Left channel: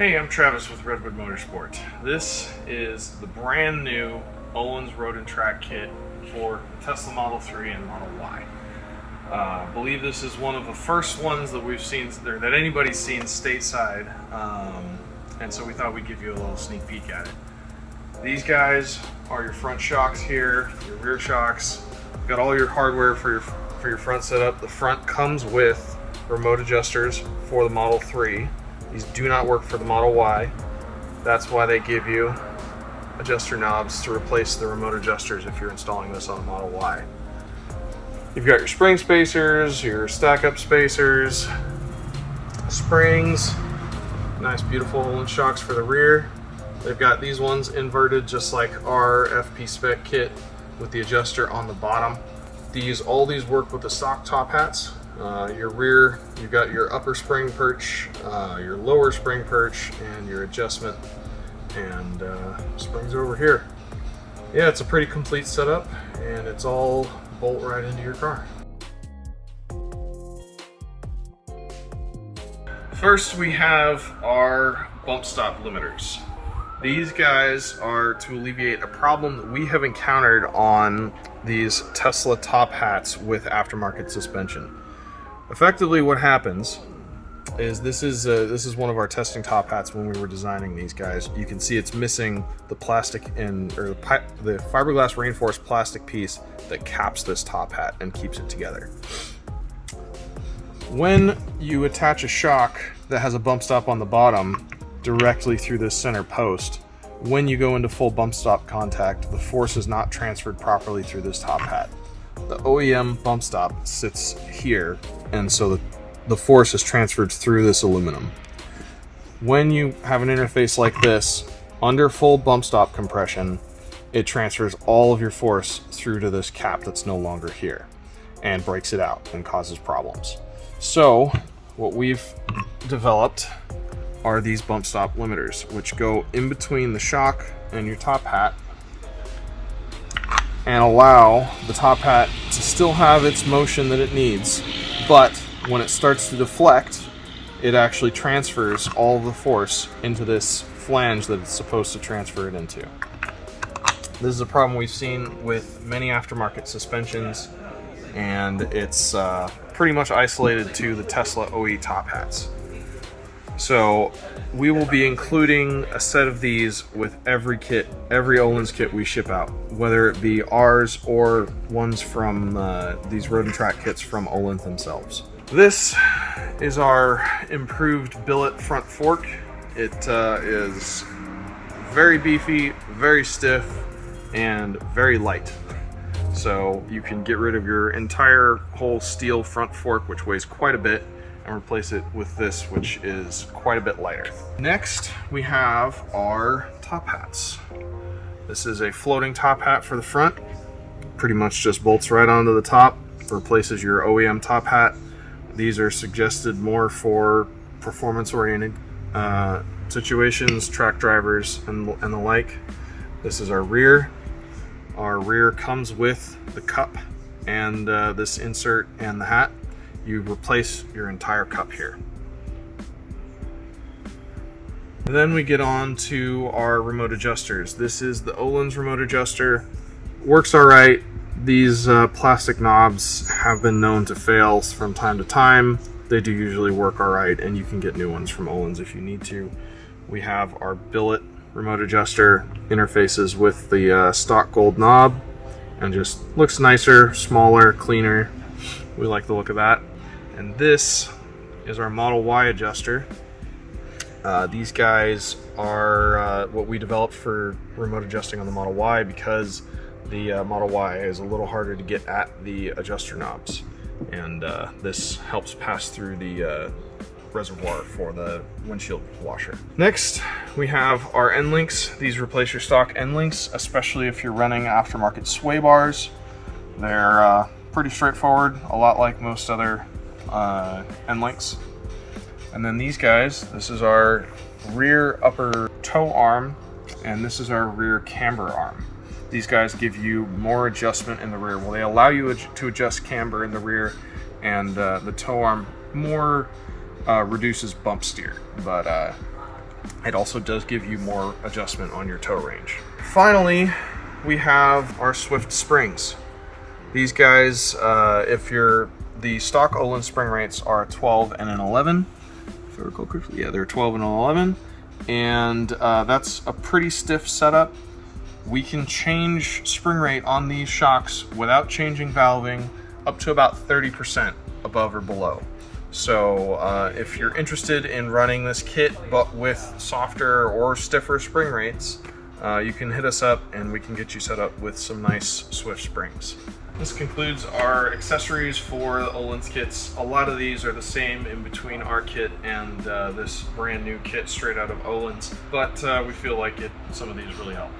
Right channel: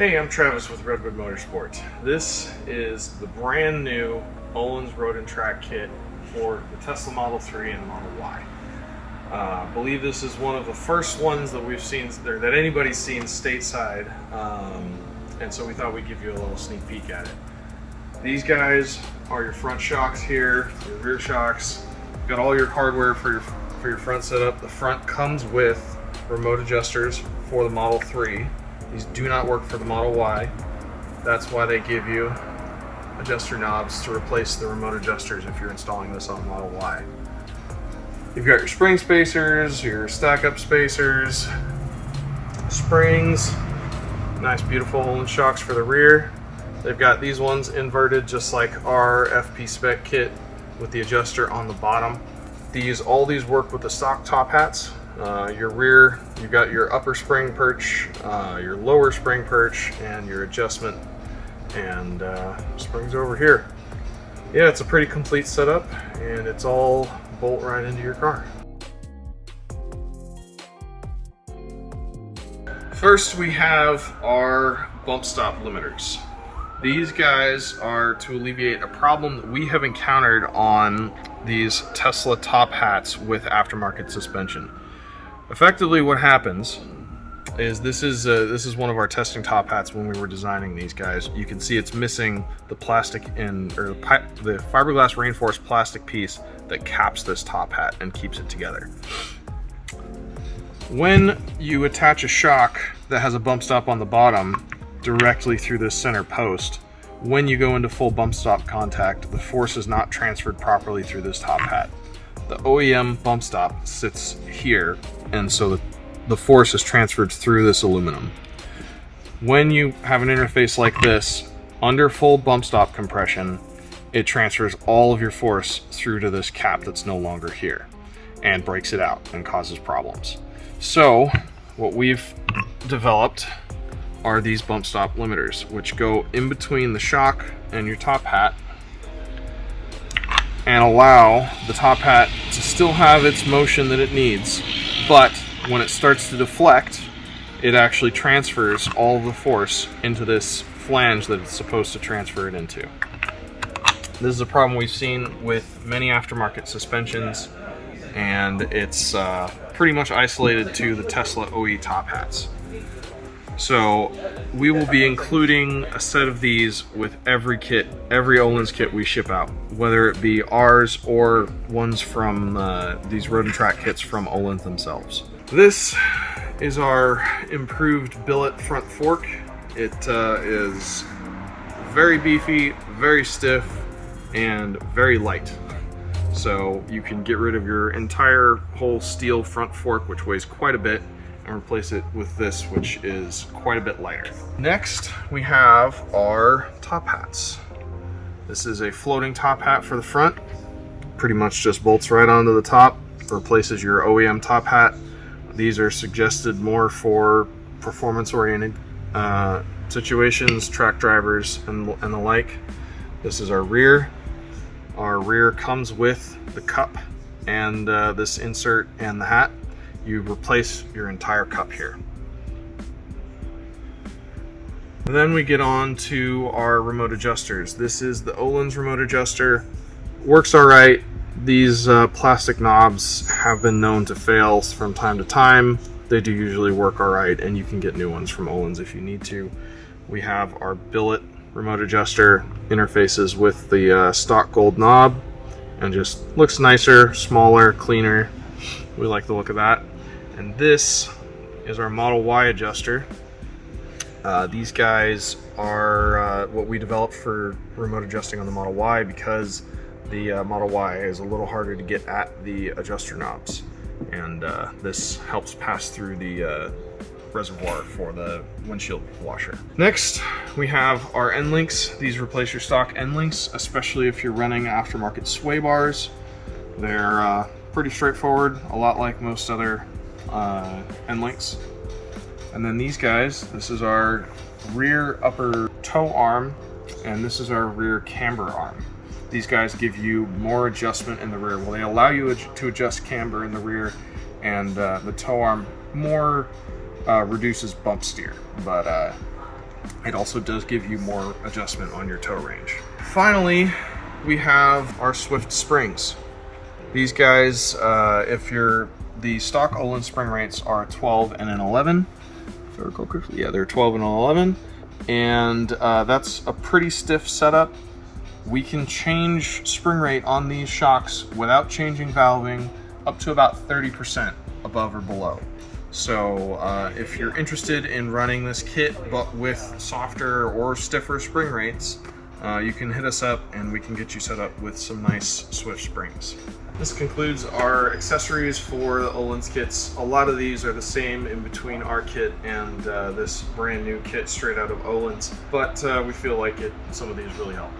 Hey, I'm Travis with Redwood Motorsports. This is the brand new Ohlins Road and Track kit for the Tesla Model 3 and Model Y. I believe this is one of the first ones that we've seen, or that anybody's seen stateside, and so we thought we'd give you a little sneak peek at it. These guys are your front shocks here, your rear shocks. You've got all your hardware for your front setup. The front comes with remote adjusters for the Model 3. These do not work for the Model Y. That's why they give you adjuster knobs to replace the remote adjusters if you're installing this on the Model Y. You've got your spring spacers, your stack-up spacers, springs, nice beautiful Ohlins shocks for the rear. They've got these ones inverted just like our FP spec kit with the adjuster on the bottom. All these work with the stock top hats. Your rear, you've got your upper spring perch, your lower spring perch, and your adjustment and springs over here. Yeah, it's a pretty complete setup, and it's all bolt right into your car. First, we have our bump stop limiters. These guys are to alleviate a problem that we have encountered on these Tesla top hats with aftermarket suspension. Effectively, what happens is this is one of our testing top hats when we were designing these guys. You can see it's missing the plastic the fiberglass reinforced plastic piece that caps this top hat and keeps it together. When you attach a shock that has a bump stop on the bottom directly through this center post, when you go into full bump stop contact, the force is not transferred properly through this top hat. The OEM bump stop sits here, and so the force is transferred through this aluminum. When you have an interface like this, under full bump stop compression, it transfers all of your force through to this cap that's no longer here and breaks it out and causes problems. So what we've developed are these bump stop limiters, which go in between the shock and your top hat and allow the top hat to still have its motion that it needs, but when it starts to deflect, it actually transfers all the force into this flange that it's supposed to transfer it into. This is a problem we've seen with many aftermarket suspensions, and it's pretty much isolated to the Tesla OE top hats. So we will be including a set of these with every Ohlins kit we ship out, whether it be ours or ones from these Road and Track kits from Ohlins themselves. This is our improved billet front fork. It is very beefy, very stiff, and very light. So you can get rid of your entire whole steel front fork, which weighs quite a bit, and replace it with this, which is quite a bit lighter. Next, we have our top hats. This is a floating top hat for the front. Pretty much just bolts right onto the top, replaces your OEM top hat. These are suggested more for performance-oriented situations, track drivers, and the like. This is our rear. Our rear comes with the cup and this insert and the hat. You replace your entire cup here. And then we get on to our remote adjusters. This is the Ohlins remote adjuster. Works all right. These plastic knobs have been known to fail from time to time. They do usually work all right, and you can get new ones from Ohlins if you need to. We have our billet remote adjuster, interfaces with the stock gold knob, and just looks nicer, smaller, cleaner. We like the look of that. And this is our Model Y adjuster. These guys are what we developed for remote adjusting on the Model Y, because the Model Y is a little harder to get at the adjuster knobs. And this helps pass through the reservoir for the windshield washer. Next, we have our end links. These replace your stock end links, especially if you're running aftermarket sway bars. They're pretty straightforward, a lot like most other end links. And then these guys, this is our rear upper toe arm, and this is our rear camber arm. These guys give you more adjustment in the rear. Well, they allow you to adjust camber in the rear, and the toe arm more reduces bump steer, but It also does give you more adjustment on your tow range. Finally, we have our Swift springs. These guys, the stock Ohlins spring rates are 12 and an 11. If I recall correctly, yeah, they're 12 and an 11. And that's a pretty stiff setup. We can change spring rate on these shocks without changing valving up to about 30% above or below. So if you're interested in running this kit but with softer or stiffer spring rates, you can hit us up and we can get you set up with some nice Swift springs. This concludes our accessories for the Ohlins kits. A lot of these are the same in between our kit and this brand new kit straight out of Ohlins, but we feel like some of these really help.